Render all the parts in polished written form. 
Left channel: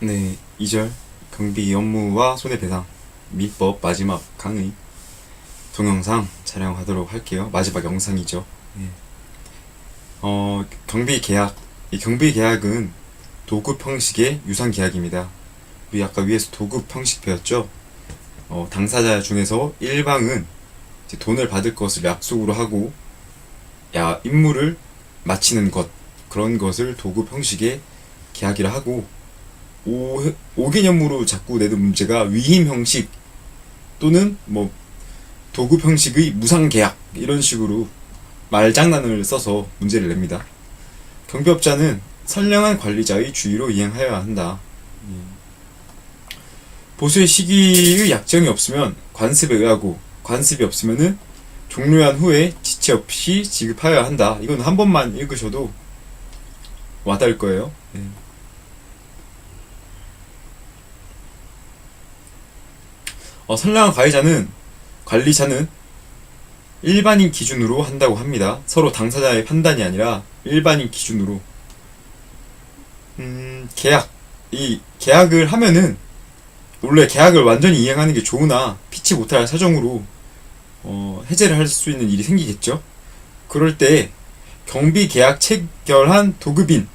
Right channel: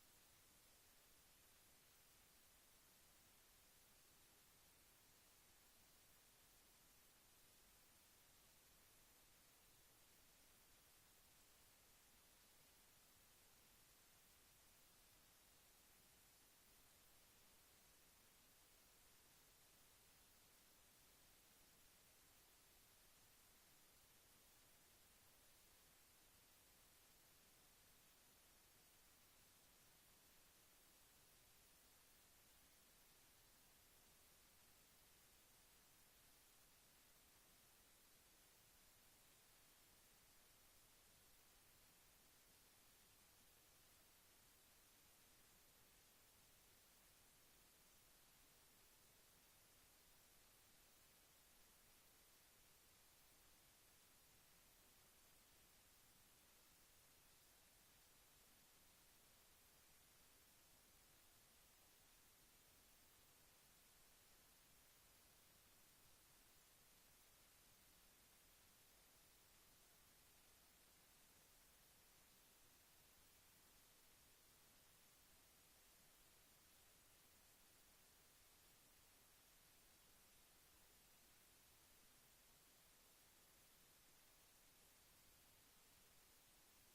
네, 2절 경비 업무와 손해배상 민법 마지막 강의 동영상 촬영하도록 할게요. 마지막 영상이죠. 네. 경비 계약. 이 경비 계약은 도급 형식의 유상 계약입니다. 우리 아까 위에서 도급 형식 배웠죠? 당사자 중에서 일방은 이제 돈을 받을 것을 약속으로 하고 임무를 마치는 것, 그런 것을 도급 형식의 계약이라 하고, 5개념으로 자꾸 내는 문제가 위임 형식 또는 뭐 도급 형식의 무상 계약, 이런 식으로 말장난을 써서 문제를 냅니다. 경비업자는 선량한 관리자의 주의로 이행하여야 한다. 보수의 시기의 약정이 없으면 관습에 의하고, 관습이 없으면은 종료한 후에 지체 없이 지급하여야 한다. 이건 한 번만 읽으셔도 와닿을 거예요. 네. 선량한 관리자는 일반인 기준으로 한다고 합니다. 서로 당사자의 판단이 아니라 일반인 기준으로. 이 계약을 하면은, 원래 계약을 완전히 이행하는 게 좋으나 피치 못할 사정으로 해제를 할 수 있는 일이 생기겠죠. 그럴 때 경비 계약 체결한 도급인,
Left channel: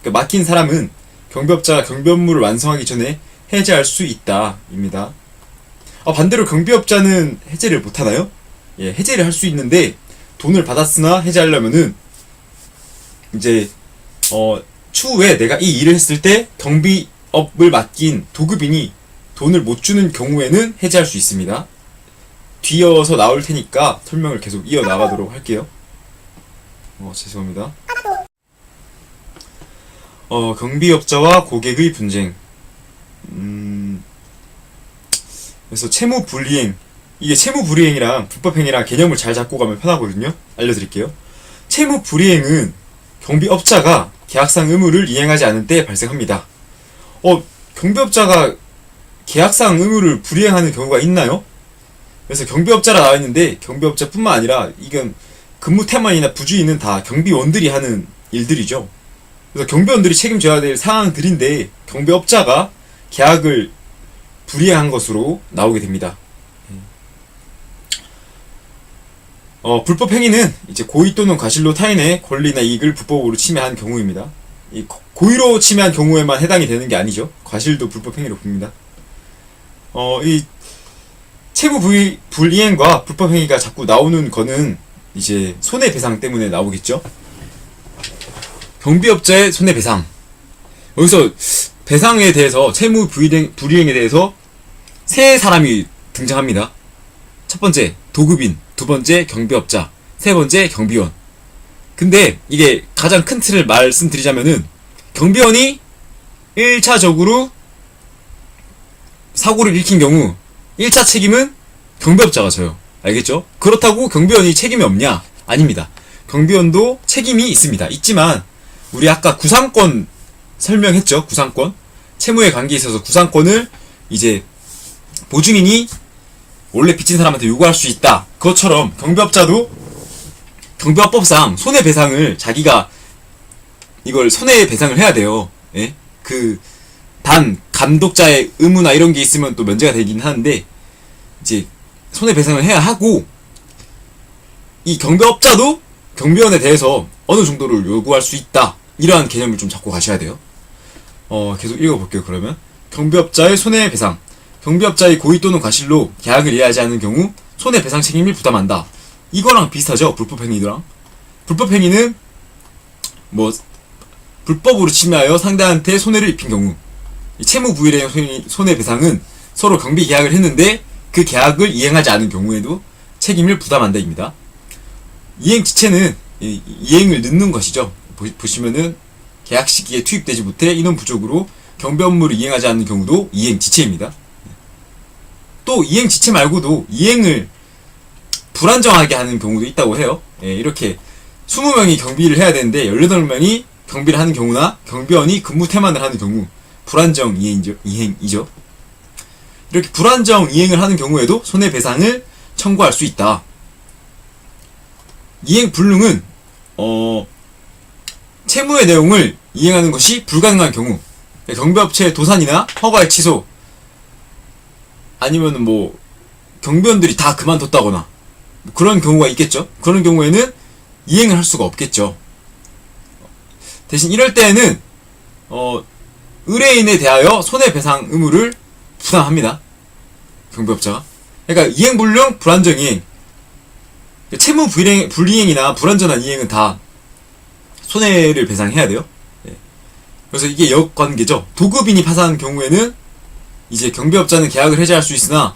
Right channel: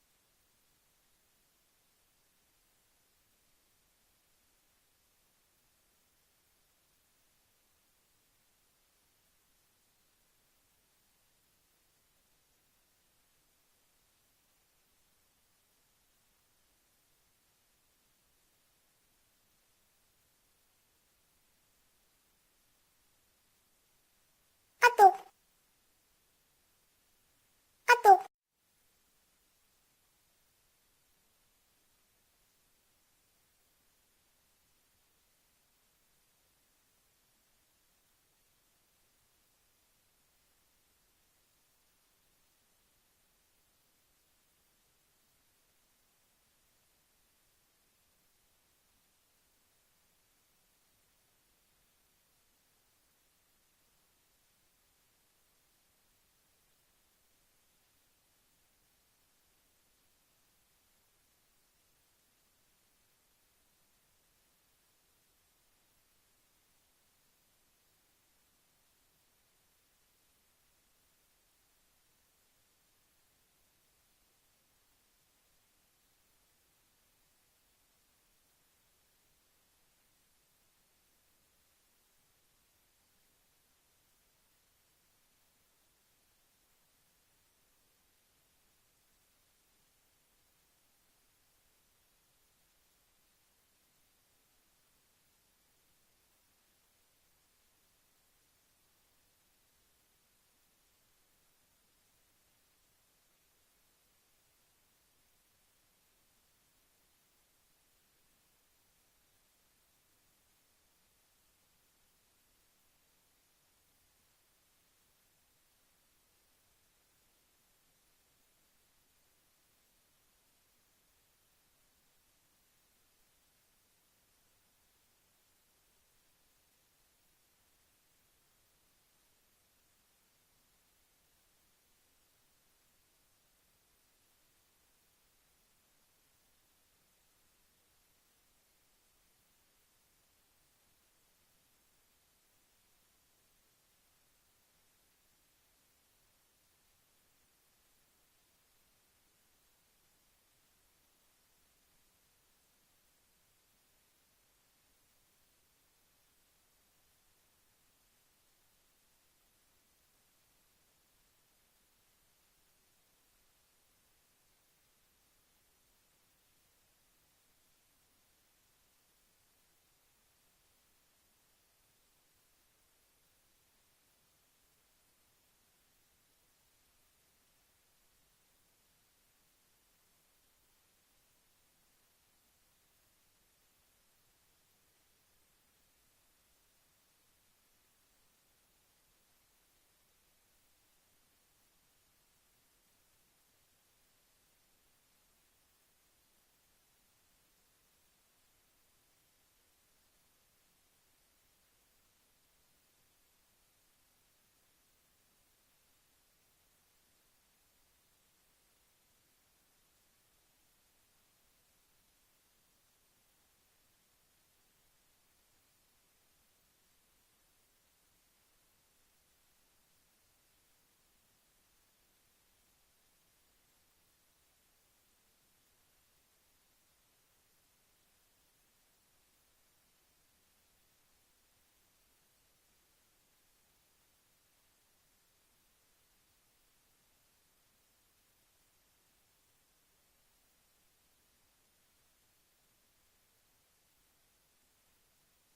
그러니까 맡긴 사람은 경비업자가 경비 업무를 완성하기 전에 해제할 수 있다 입니다. 반대로 경비업자는 해제를 못하나요? 예, 해제를 할 수 있는데, 돈을 받았으나 해제하려면은 이제 추후에 내가 이 일을 했을 때 경비업을 맡긴 도급인이 돈을 못 주는 경우에는 해제할 수 있습니다. 뒤어서 나올 테니까 설명을 계속 이어나가도록 할게요. 죄송합니다. 경비업자와 고객의 분쟁. 그래서 채무불이행, 이게 채무불이행이랑 불법행위랑 개념을 잘 잡고 가면 편하거든요. 알려드릴게요. 채무불이행은 경비업자가 계약상 의무를 이행하지 않을 때 발생합니다. 경비업자가 계약상 의무를 불이행하는 경우가 있나요? 그래서 경비업자라 나와 있는데, 경비업자뿐만 아니라 이건 근무 태만이나 부주의는 다 경비원들이 하는 일들이죠. 그래서 경비원들이 책임져야 될 상황들인데, 경비업자가 계약을 불이행한 것으로 나오게 됩니다. 불법 행위는 이제 고의 또는 과실로 타인의 권리나 이익을 불법으로 침해한 경우입니다. 이 고의로 침해한 경우에만 해당이 되는 게 아니죠. 과실도 불법 행위로 봅니다. 이 채무 불이행과 불법 행위가 자꾸 나오는 거는 이제 손해배상 때문에 나오겠죠. 경비업자의 손해배상. 여기서 배상에 대해서, 채무 불이행에 대해서 세 사람이 등장합니다. 첫 번째 도급인, 두 번째 경비업자, 세 번째 경비원. 근데 이게 가장 큰 틀을 말씀드리자면은, 경비원이 1차적으로 사고를 일으킨 경우 1차 책임은 경비업자가 져요. 알겠죠? 그렇다고 경비원이 책임이 없냐? 아닙니다. 경비원도 책임이 있습니다. 있지만 우리 아까 구상권 설명했죠. 구상권. 채무의 관계에 있어서 구상권을 이제 보증인이 원래 빚진 사람한테 요구할 수 있다. 그것처럼 경비업자도 경비업법상 손해배상을, 자기가 이걸 손해배상을 해야 돼요. 예? 단 감독자의 의무나 이런 게 있으면 또 면제가 되긴 하는데, 이제 손해배상을 해야 하고, 이 경비업자도 경비원에 대해서 어느 정도를 요구할 수 있다. 이러한 개념을 좀 잡고 가셔야 돼요. 계속 읽어볼게요. 그러면 경비업자의 손해배상. 경비업자의 고의 또는 과실로 계약을 이해하지 않은 경우 손해배상 책임을 부담한다. 이거랑 비슷하죠. 불법행위랑. 불법행위는 뭐 불법으로 침해하여 상대한테 손해를 입힌 경우. 채무불이행 손해배상은 서로 경비 계약을 했는데 그 계약을 이행하지 않은 경우에도 책임을 부담한다 입니다. 이행 지체는 이행을 늦는 것이죠. 보시면은 계약 시기에 투입되지 못해 인원 부족으로 경비 업무를 이행하지 않는 경우도 이행 지체입니다. 또 이행 지체 말고도 이행을 불안정하게 하는 경우도 있다고 해요. 이렇게 20명이 경비를 해야 되는데 18명이 경비를 하는 경우나 경비원이 근무 태만을 하는 경우, 불안정 이행이죠. 이렇게 불안정 이행을 하는 경우에도 손해배상을 청구할 수 있다. 이행 불능은 채무의 내용을 이행하는 것이 불가능한 경우, 경비업체의 도산이나 허가의 취소, 아니면 뭐 경비원들이 다 그만뒀다거나 뭐 그런 경우가 있겠죠. 그런 경우에는 이행을 할 수가 없겠죠. 대신 이럴 때에는 의뢰인에 대하여 손해배상 의무를 부담합니다. 경비업자가. 그러니까 이행불능, 불안정이행, 채무 불이행이나 불완전한 이행은 다 손해를 배상해야 돼요. 그래서 이게 역관계죠. 도급인이 파산한 경우에는 이제 경비업자는 계약을 해지할 수 있으나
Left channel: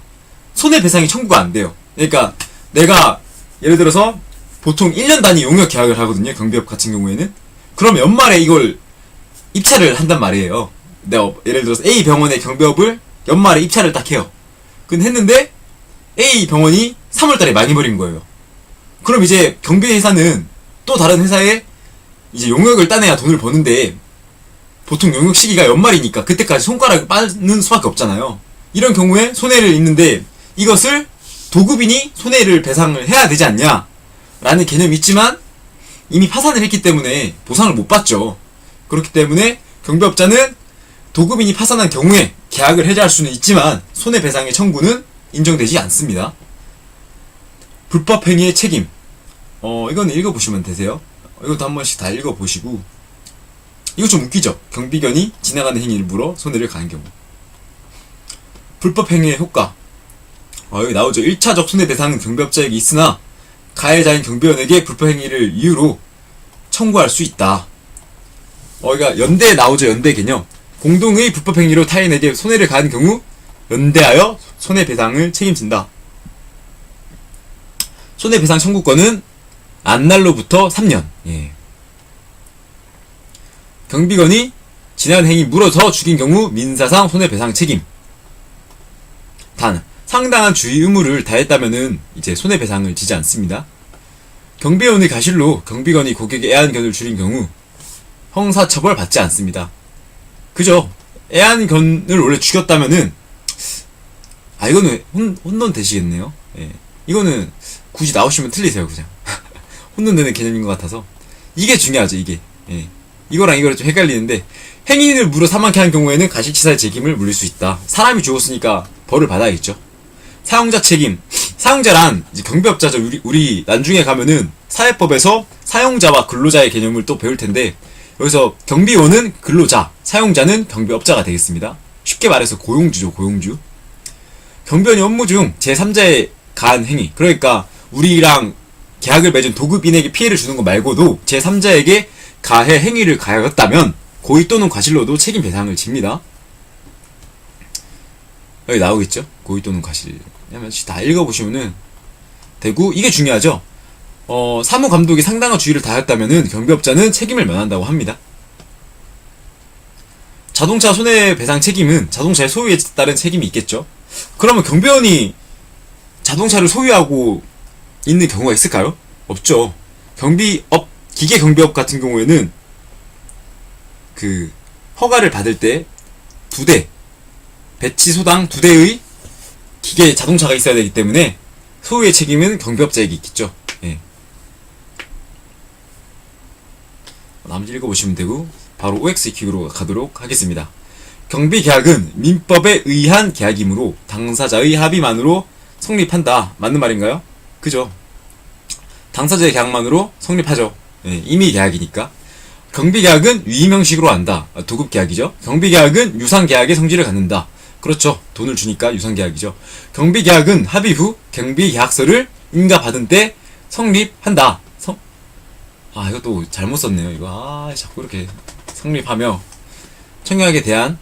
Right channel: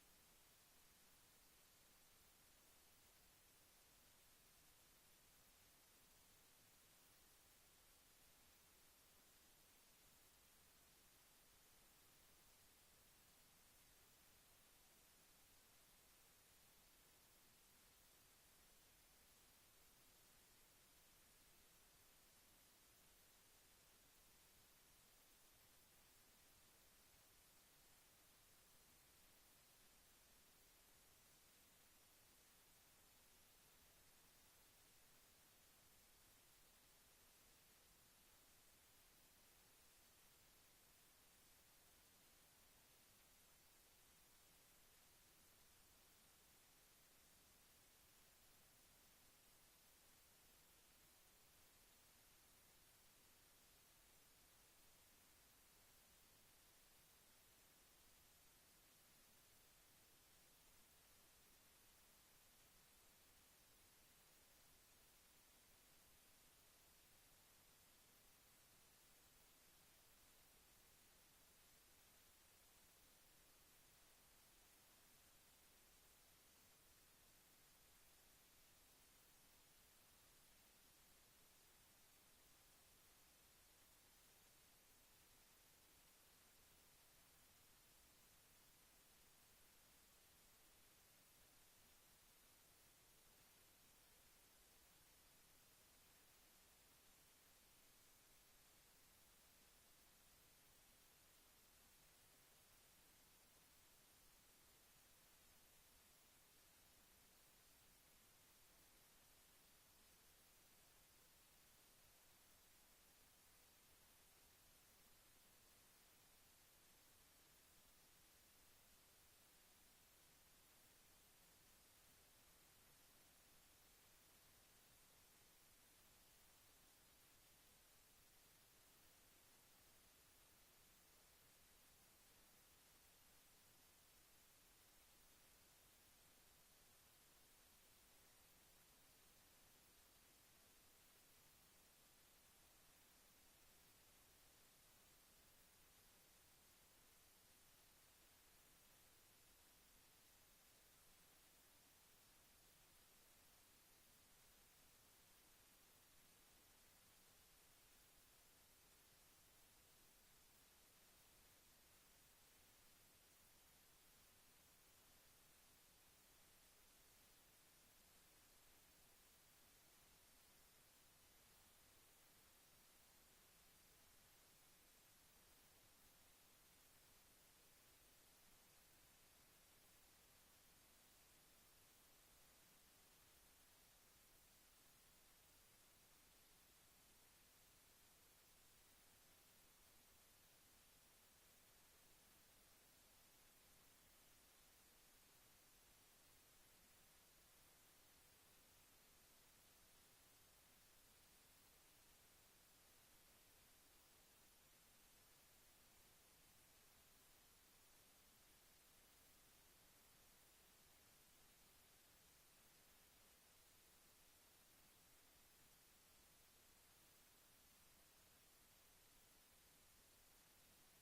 손해배상이 청구가 안 돼요. 그러니까 내가 예를 들어서 보통 1년 단위 용역 계약을 하거든요. 경비업 같은 경우에는. 그럼 연말에 이걸 입찰을 한단 말이에요. 내가 예를 들어서 A 병원의 경비업을 연말에 입찰을 딱 해요. 근데 했는데 A 병원이 3월달에 망해버린 거예요. 그럼 이제 경비회사는 또 다른 회사에 이제 용역을 따내야 돈을 버는데 보통 용역 시기가 연말이니까 그때까지 손가락을 빠는 수밖에 없잖아요. 이런 경우에 손해를 입는데 이것을 도급인이 손해를 배상을 해야 되지 않냐 라는 개념이 있지만 이미 파산을 했기 때문에 보상을 못 받죠. 그렇기 때문에 경비업자는 도급인이 파산한 경우에 계약을 해지할 수는 있지만 손해배상의 청구는 인정되지 않습니다. 불법행위의 책임, 이거는 읽어보시면 되세요. 이것도 한 번씩 다 읽어보시고. 이거 좀 웃기죠? 경비견이 지나가는 행위를 물어 손해를 가는 경우. 불법행위의 효과, 여기 나오죠. 1차적 손해배상은 경비업자에게 있으나 가해자인 경비원에게 불법행위를 이유로 청구할 수 있다. 그러니까 연대에 나오죠. 연대 개념. 공동의 불법행위로 타인에게 손해를 가한 경우 연대하여 손해배상을 책임진다. 손해배상 청구권은 안날로부터 3년. 경비건이 지나간 행위 물어서 죽인 경우 민사상 손해배상 책임. 단 상당한 주의 의무를 다했다면은 이제 손해배상을 지지 않습니다. 경비원의 과실로 경비건이 고객의 애완견을 죽인 경우 형사처벌 받지 않습니다. 그죠? 애완견을 원래 죽였다면은 이거는 혼돈 되시겠네요. 이거는 굳이 나오시면 틀리세요. 그냥 혼돈되는 개념인 것 같아서 이게 중요하죠. 이게 이거랑 이거랑 좀 헷갈리는데, 행인을 물어 사망케 한 경우에는 가식치사의 책임을 물릴 수 있다. 사람이 죽었으니까 벌을 받아야겠죠. 사용자 책임. 사용자란 이제 경비업자죠. 우리 나중에 가면은 사회법에서 사용자와 근로자의 개념을 또 배울 텐데, 여기서 경비원은 근로자, 사용자는 경비업자가 되겠습니다. 쉽게 말해서 고용주죠. 고용주. 경비원이 업무 중 제3자에 가한 행위, 그러니까 우리랑 계약을 맺은 도급인에게 피해를 주는 것 말고도 제3자에게 가해 행위를 가하였다면 고의 또는 과실로도 책임 배상을 집니다. 여기 나오겠죠? 고의 또는 과실. 다 읽어보시면은 되고, 이게 중요하죠? 사무감독이 상당한 주의를 다했다면은 경비업자는 책임을 면한다고 합니다. 자동차 손해배상 책임은 자동차의 소유에 따른 책임이 있겠죠? 그러면 경비원이 자동차를 소유하고 있는 경우가 있을까요? 없죠. 기계 경비업 같은 경우에는 그 허가를 받을 때 2대, 배치 소당 2대의 기계 자동차가 있어야 되기 때문에 소유의 책임은 경비업자에게 있겠죠. 나머지 읽어보시면 되고, 바로 OX 킥으로 가도록 하겠습니다. 경비계약은 민법에 의한 계약이므로 당사자의 합의만으로 성립한다. 맞는 말인가요? 그죠? 당사자의 계약만으로 성립하죠. 이미 계약이니까. 경비계약은 유의명식으로 한다. 도급계약이죠. 경비계약은 유상계약의 성질을 갖는다. 그렇죠. 돈을 주니까 유상계약이죠. 경비계약은 합의 후 경비계약서를 인가받은 때 성립한다. 이것도 잘못 썼네요. 이거 자꾸 이렇게 성립하며 청약에 대한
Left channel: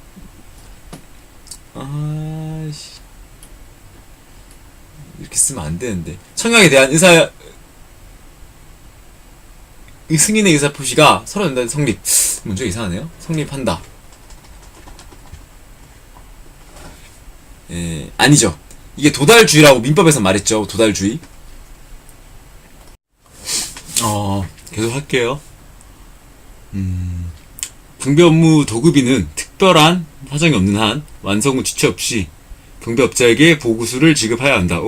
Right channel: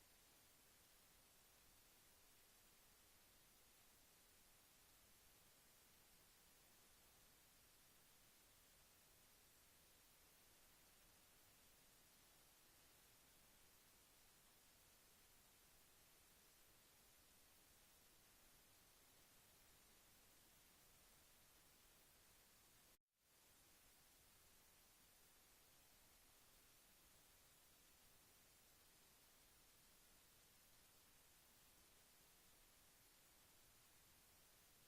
이렇게 쓰면 안 되는데, 청약에 대한 승인의 의사 표시가 서로 연달아 성립. 문제 이상하네요. 성립한다. 아니죠. 이게 도달주의라고 민법에서 말했죠. 도달주의. 계속 할게요. 경비업무 도급인은 특별한 사정이 없는 한 완성 후 지체 없이 경비업자에게 보고수를 지급해야 한다.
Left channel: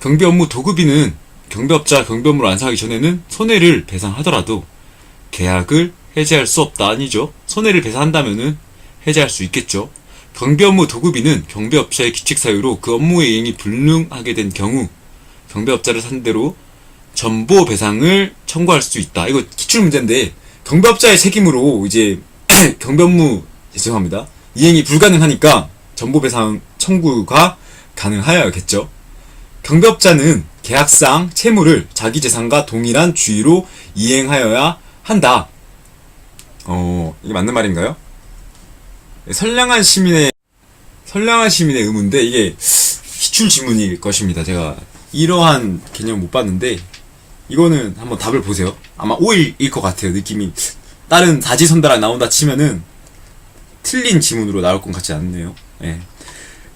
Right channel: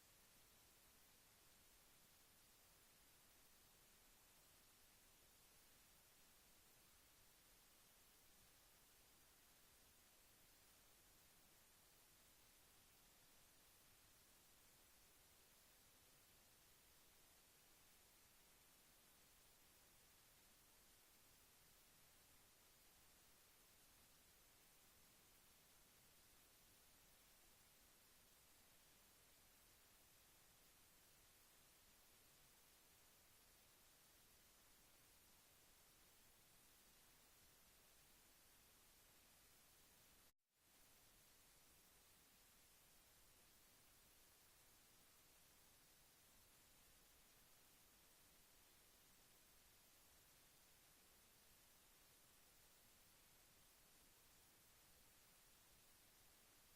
경비업무 도급인은 경비업자 경비업무를 완성하기 전에는 손해를 배상하더라도 계약을 해지할 수 없다. 아니죠. 손해를 배상한다면은 해제할 수 있겠죠. 경비 업무 도급인은 경비업자의 규칙 사유로 그 업무의 이행이 불능하게 된 경우 경비업자를 상대로 전보 배상을 청구할 수 있다. 이거 기출 문제인데 경비업자의 책임으로 이제 경비 업무 죄송합니다. 이행이 불가능하니까 전보 배상 청구가 가능하여야겠죠. 경비업자는 계약상 채무를 자기 재산과 동일한 주의로 이행하여야 한다. 이게 맞는 말인가요? 선량한 시민의 의무인데 이게 기출 지문일 것입니다. 제가 이러한 개념 못 봤는데 이거는 한번 답을 보세요. 아마 5일일 것 같아요. 느낌이 다른 사지선다락 나온다 치면은 틀린 지문으로 나올 것 같지 않네요. 예.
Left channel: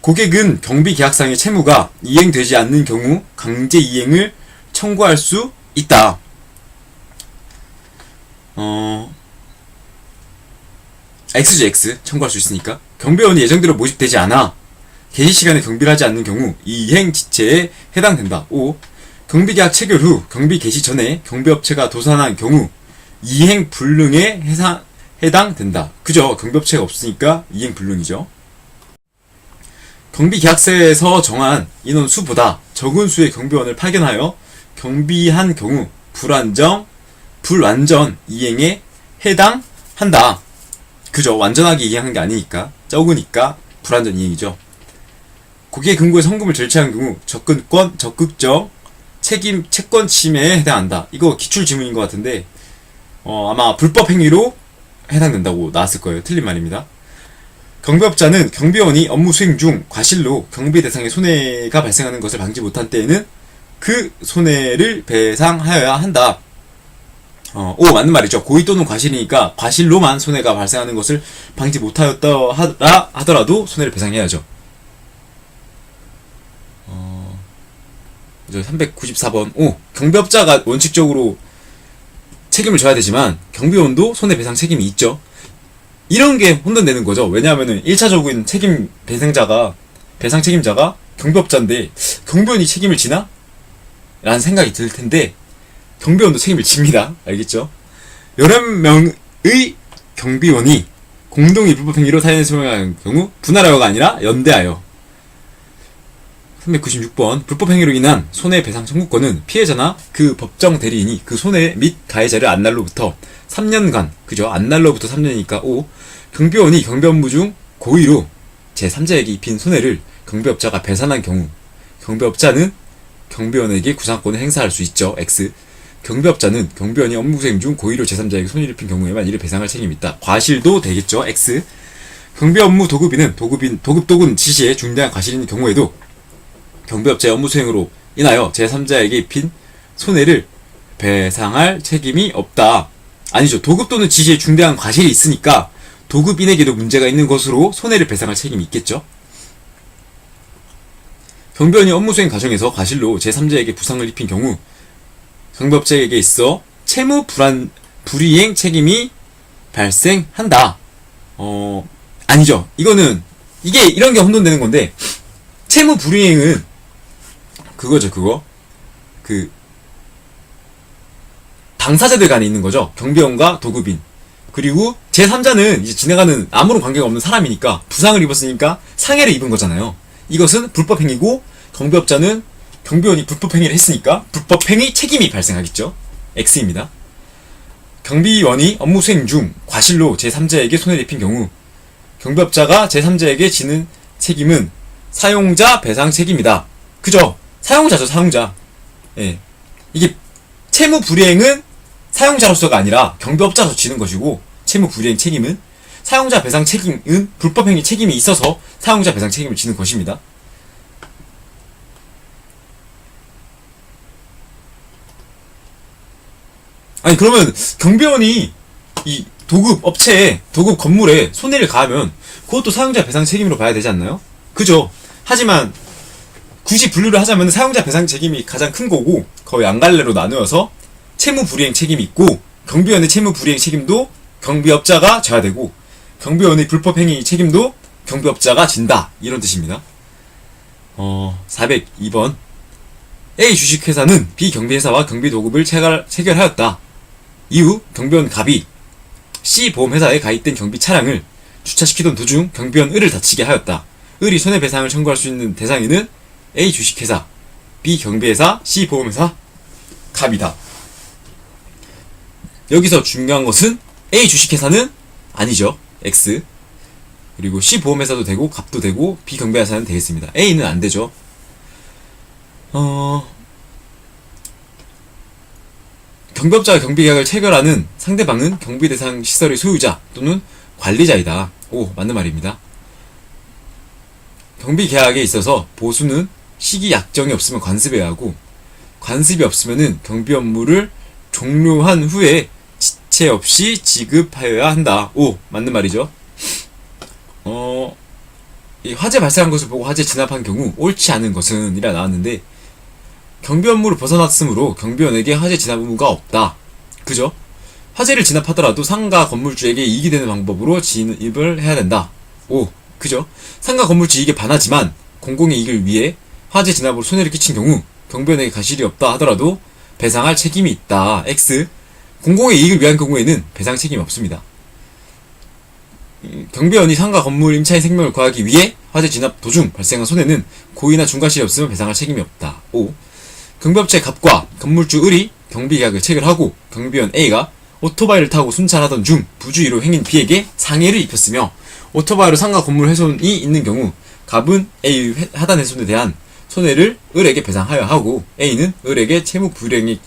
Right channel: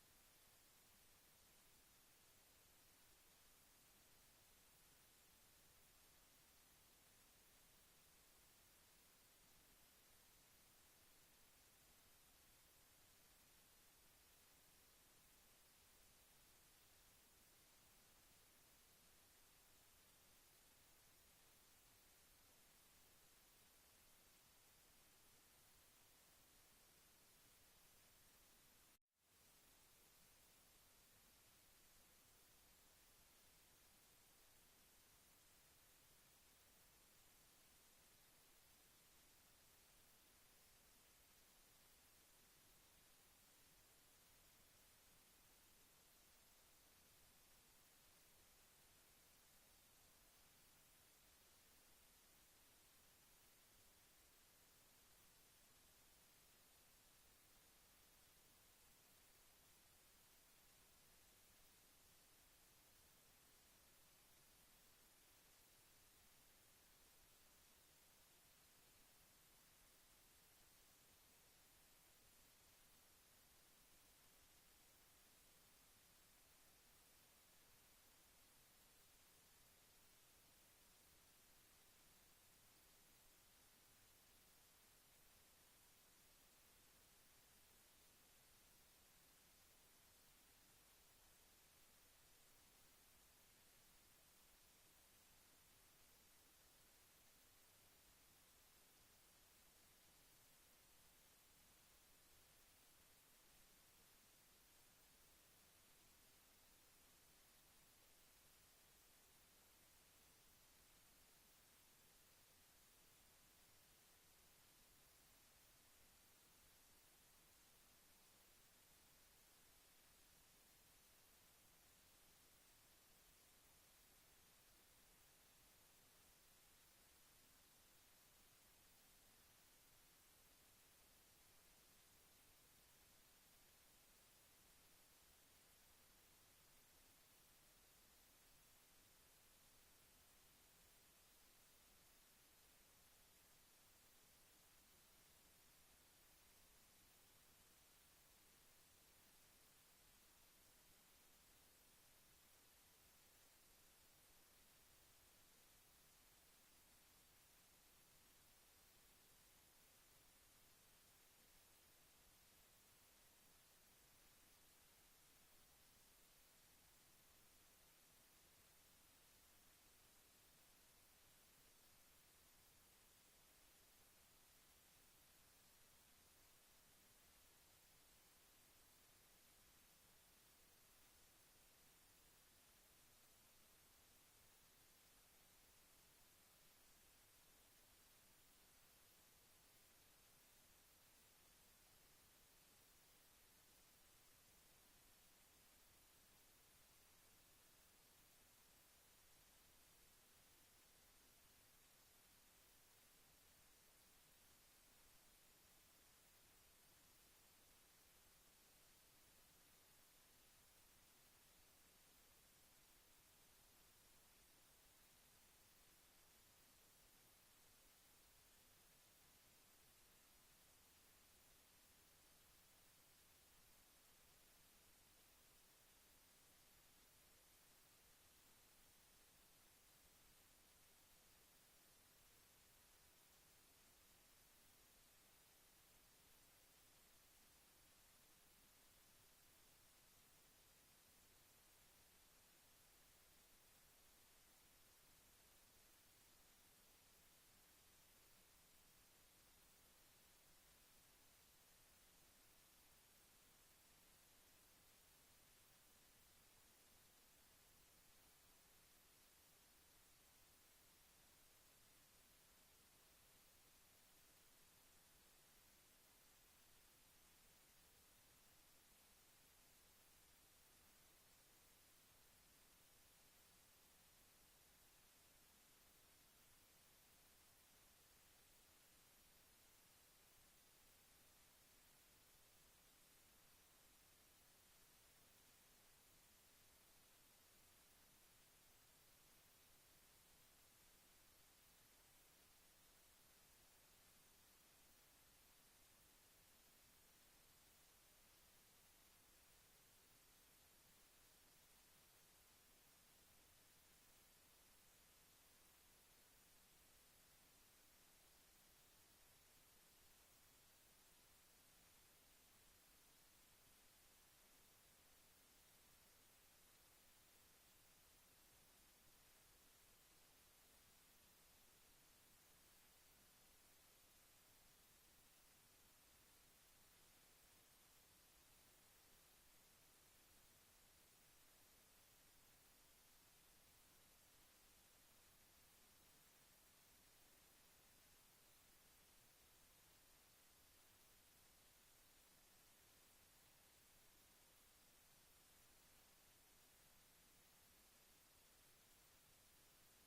고객은 경비 계약상의 채무가 이행되지 않는 경우 강제 이행을 청구할 수 있다. X죠, X. 청구할 수 있으니까. 경비원이 예정대로 모집되지 않아 개시 시간에 경비를 하지 않는 경우 이행 지체에 해당된다. 5. 경비계약 체결 후 경비 개시 전에 경비업체가 도산한 경우 이행 불능에 해당된다. 그죠? 경비업체가 없으니까 이행 불능이죠. 경비계약서에서 정한 인원 수보다 적은 수의 경비원을 파견하여 경비한 경우 불완전 이행에 해당한다. 그죠? 완전하게 이행한 게 아니니까 적으니까 불완전 이행이죠. 고객의 근거에 성금을 절취한 경우 접근권 적극적 채권 침해에 해당한다. 이거 기출 지문인 것 같은데 아마 불법 행위로 해당된다고 나왔을 거예요. 틀린 말입니다. 경비업자는 경비원이 업무 수행 중 과실로 경비 대상에 손해가 발생하는 것을 방지 못한 때에는 그 손해를 배상하여야 한다. 맞는 말이죠. 고의 또는 과실이니까 과실로만 손해가 발생하는 것을 방지 못하였다 하더라도 손해를 배상해야죠. 394번. 경비업자가 원칙적으로 책임을 져야 되지만 경비원도 손해배상 책임이 있죠. 이런 게 혼돈되는 거죠. 왜냐하면은 1차적인 배상 책임자가 경비업자인데 경비원이 책임을 지나? 라는 생각이 들 텐데 경비원도 책임을 집니다. 알겠죠? 11명의 경비원이 공동의 불법 행위로 사연을 소명하는 경우 분할하여가 아니라 연대하여. 396번. 불법 행위로 인한 손해배상 청구권은 피해자나 그 법정 대리인이 그 손해 및 가해자를 안 날로부터 3년간, 그죠? 안 날로부터 3년이니까 5. 경비원이 경비 업무 중 고의로 제3자에게 입힌 손해를 경비업자가 배상한 경우 경비업자는 경비원에게 구상권을 행사할 수 있죠. X. 경비업자는 경비원이 업무 수행 중 고의로 제3자에게 손해를 입힌 경우에만 이를 배상할 책임이 있다. 과실도 되겠죠. X. 경비 업무 도급인은 도급 또는 지시에 중대한 과실이 있는 경우에도 경비업자의 업무 수행으로 인하여 제3자에게 입힌 손해를 배상할 책임이 없다. 아니죠. 도급 또는 지시에 중대한 과실이 있으니까 도급인에게도 문제가 있는 것으로 손해를 배상할 책임이 있겠죠. 경비원이 업무 수행 과정에서 과실로 제3자에게 부상을 입힌 경우 경비업자에게 있어 채무 불이행 책임이 발생한다. 아니죠. 이런 게 혼돈되는 건데 채무 불이행은 그거 당사자들 간에 있는 거죠. 경비원과 도급인. 그리고 제3자는 이제 진행하는 아무런 관계가 없는 사람이니까 부상을 입었으니까 상해를 입은 거잖아요. 이것은 불법행위고 경비업자는 경비원이 불법행위를 했으니까 불법행위 책임이 발생하겠죠. X입니다. 경비원이 업무 수행 중 과실로 제3자에게 손해를 입힌 경우 경비업자가 제3자에게 지는 책임은 사용자 배상 책임이다. 그죠? 사용자죠, 사용자. 예. 이게 채무 불이행은 사용자로서가 아니라 경비업자로서 지는 것이고 채무 불이행 책임은 사용자 배상 책임은 불법행위 책임이 있어서 사용자 배상 책임을 지는 것입니다. 아니 그러면 경비원이 이 도급 업체에 도급 건물에 손해를 가하면 그것도 사용자 배상 책임으로 봐야 되지 않나요? 그죠? 하지만 굳이 분류를 하자면 사용자 배상 책임이 가장 큰 거고 거의 안갈래로 나누어서 채무 불이행 책임이 있고 경비원의 채무 불이행 책임도 경비업자가 져야 되고 경비원의 불법행위 책임도 경비업자가 진다. 이런 뜻입니다. 402번. A 주식회사는 B 경비회사와 경비도급을 체결하였다. 이후 경비원 갑이 C 보험회사에 가입된 경비 차량을 주차시키던 도중 경비원 을을 다치게 하였다. 을이 손해배상을 청구할 수 있는 대상에는 A 주식회사, B 경비회사, C 보험회사, 갑이다. 여기서 중요한 것은 A 주식회사는 아니죠. X. 그리고 C 보험회사도 되고 갑도 되고 B 경비회사는 되겠습니다. A는 안 되죠. 경비업자가 경비계약을 체결하는 상대방은 경비대상 시설의 소유자 또는 관리자이다. 오, 맞는 말입니다. 경비계약에 있어서 보수는 시기 약정이 없으면 관습해야 하고 관습이 없으면은 경비 업무를 종료한 후에 지체 없이 지급하여야 한다. 오, 맞는 말이죠. 이 화재 발생한 것을 보고 화재 진압한 경우 옳지 않은 것은 이라 나왔는데 경비 업무를 벗어났으므로 경비원에게 화재 진압 의무가 없다. 그죠? 화재를 진압하더라도 상가 건물주에게 이익이 되는 방법으로 진입을 해야 된다. 오, 그죠? 상가 건물주 이익에 반하지만 공공의 이익을 위해 화재 진압으로 손해를 끼친 경우 경비원에게 과실이 없다 하더라도 배상할 책임이 있다. X. 공공의 이익을 위한 경우에는 배상 책임이 없습니다. 경비원이 상가 건물 임차인 생명을 구하기 위해 화재 진압 도중 발생한 손해는 고의나 중과실이 없으면 배상할 책임이 없다. 5. 경비업체 갑과 건물주 을이 경비계약을 체결하고 경비원 A가 오토바이를 타고 순찰하던 중 부주의로 행인 B에게 상해를 입혔으며 오토바이로 상가 건물 훼손이 있는 경우 갑은 A의 하단 훼손에 대한 손해를 을에게 배상하여 하고 A는 을에게 채무 불이행에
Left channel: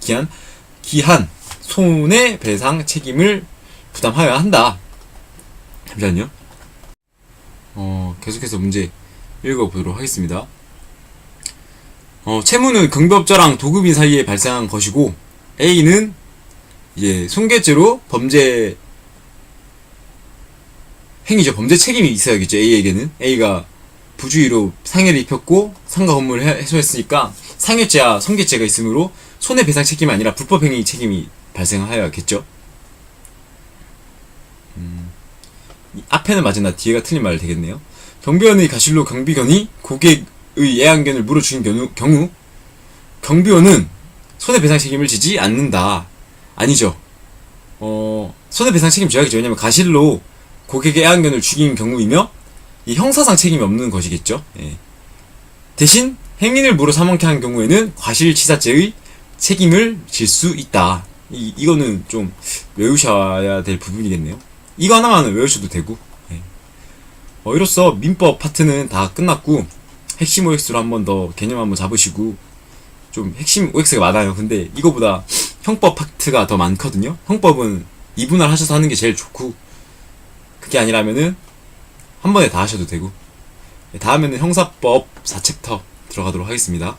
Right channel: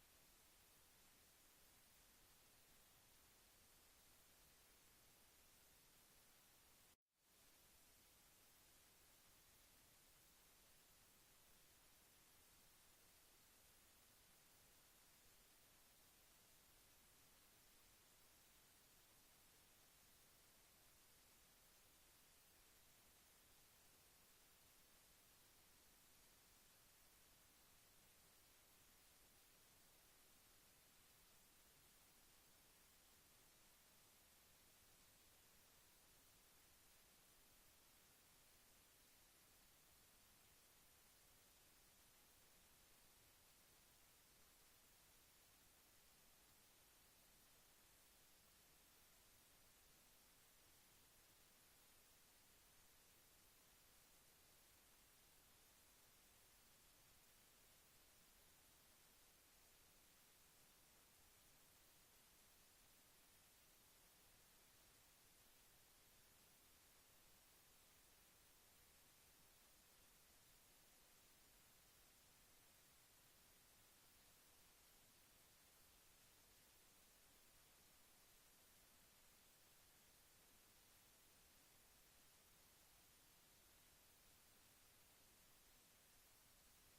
기한 손해배상 책임을 부담하여야 한다. 잠시만요. 계속해서 문제 읽어보도록 하겠습니다. 채무는 경비업자랑 도급인 사이에 발생한 것이고 A는 이제 손괴죄로 범죄 행위죠. 범죄 책임이 있어야겠죠. A에게는 A가 부주의로 상해를 입혔고 상가 건물을 해소했으니까 상해죄와 손괴죄가 있으므로 손해배상 책임이 아니라 불법행위 책임이 발생하여야겠죠. 앞에는 맞으나 뒤에가 틀린 말 되겠네요. 경비원의 가실로 경비견이 고객의 애완견을 물어 죽인 경우 경비원은 손해배상 책임을 지지 않는다. 아니죠. 손해배상 책임 져야겠죠. 왜냐면 가실로 고객의 애완견을 죽인 경우이며 이 형사상 책임이 없는 것이겠죠. 예. 대신 행인을 물어 사망케 한 경우에는 과실치사죄의 책임을 질 수 있다. 이거는 좀 외우셔야 될 부분이겠네요. 이거 하나만 외우셔도 되고. 예. 이로써 민법 파트는 다 끝났고 핵심 OX로 한 번 더 개념 한번 잡으시고 좀 핵심 OX가 많아요. 근데 이거보다 형법 파트가 더 많거든요. 형법은 2분할 하셔서 하는 게 제일 좋고 그게 아니라면은 한 번에 다 하셔도 되고 다음에는 형사법 4챕터 들어가도록 하겠습니다.